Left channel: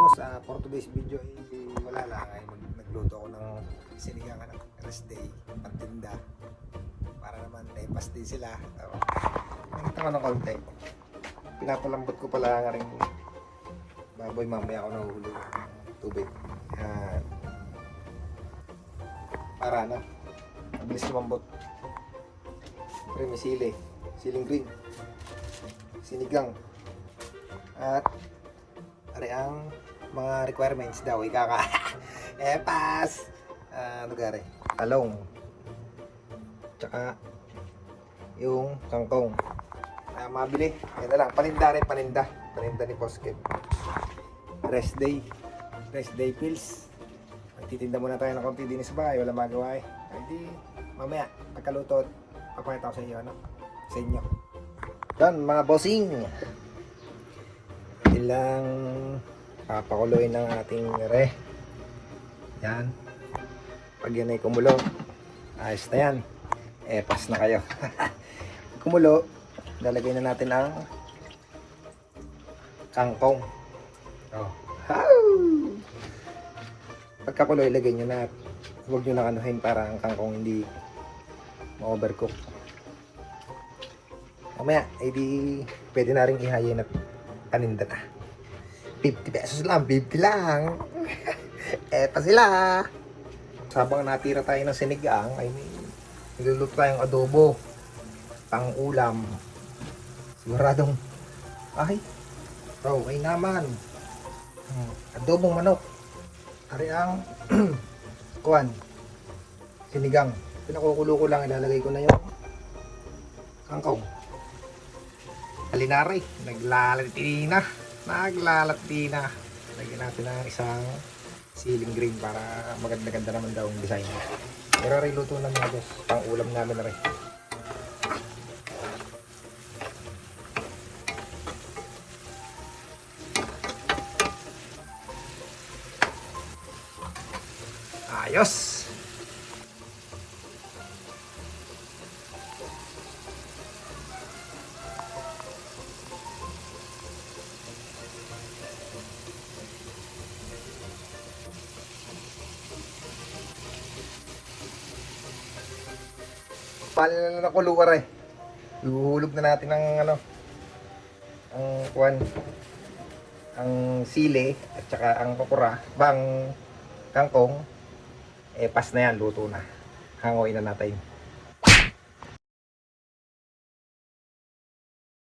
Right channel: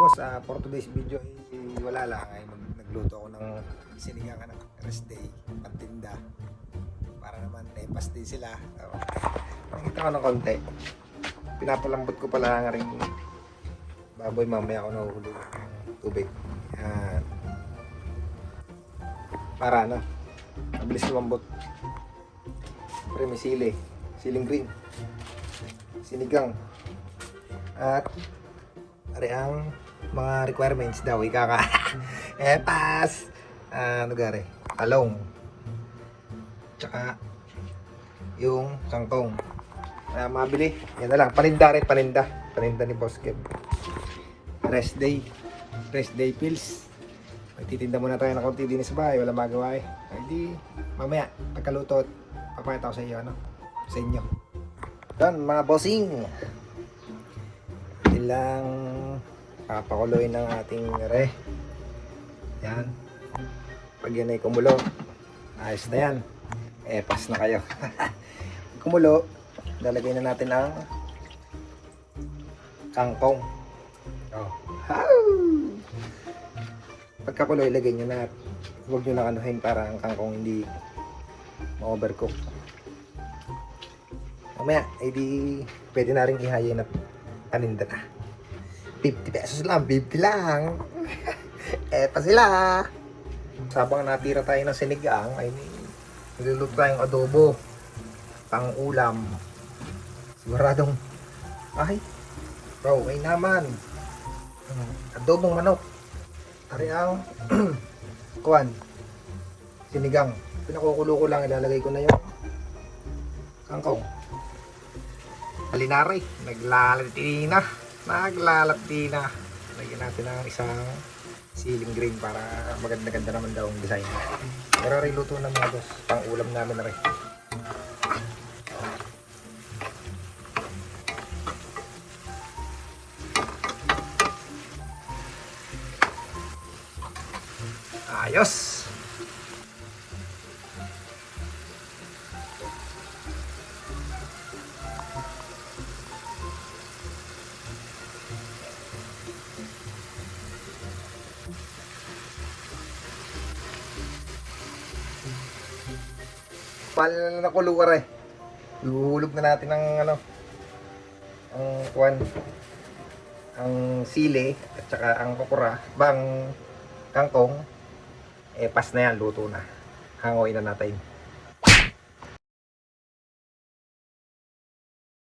boss, for today's video ay wala lang ay nagluto ako ng sinigang rest day, pantinda para naman pas din sila. Nakita ko ng konti, pinapalambot ko pala nga rin baboy, mamaya ako nahuhulog ng tubig para mabilis lumambot. Siyempre may siling green, sinigang, at ari ang mga requirements daw ikaka pas gare talong, tsaka yung kangkong mabili. Yan na lang, paninda ni Boss Kev. Rest day pills. Magtitinda muna tayo ng konti din sa bahay, wala magawa hindi mamaya pagkaluto papakita ko sa iyo sa inyo. Done mga bossing, ilang papakuloy ng ating re. Yan, pag yan ay kumulo, ayos na yan, pas na kayo. Kumulo, lalagay na natin ang kangkong. Pagkakulo, ilagay nyo na, huwag nyo na kanuhin para ang kangkong hindi ma-overcook. Mamaya, di pwede na rin ihayin na paninda na. 50 pesos lang, 50 lang. Eto sila. Sabang natira tayo ng sinigang, ay niluluto tayong adobo, pang ulam. Siguradong, okay naman. Adobong manok. Ari ang kuwan, sinigang. Pinakukulo ko lang, ilalagay ko na yung kangkong. Halinari, naglalati na. Lagyan natin ng isang siling green para maganda-ganda naman daw ang design. Pero rin luto na mga boss, pang ulam namin na rin. Ayos! Paano na nakuluwar Luhulog na natin ang ang sili at saka ang kokora, bang kangkong. Pas na yan, luto na. Hangoy na natin.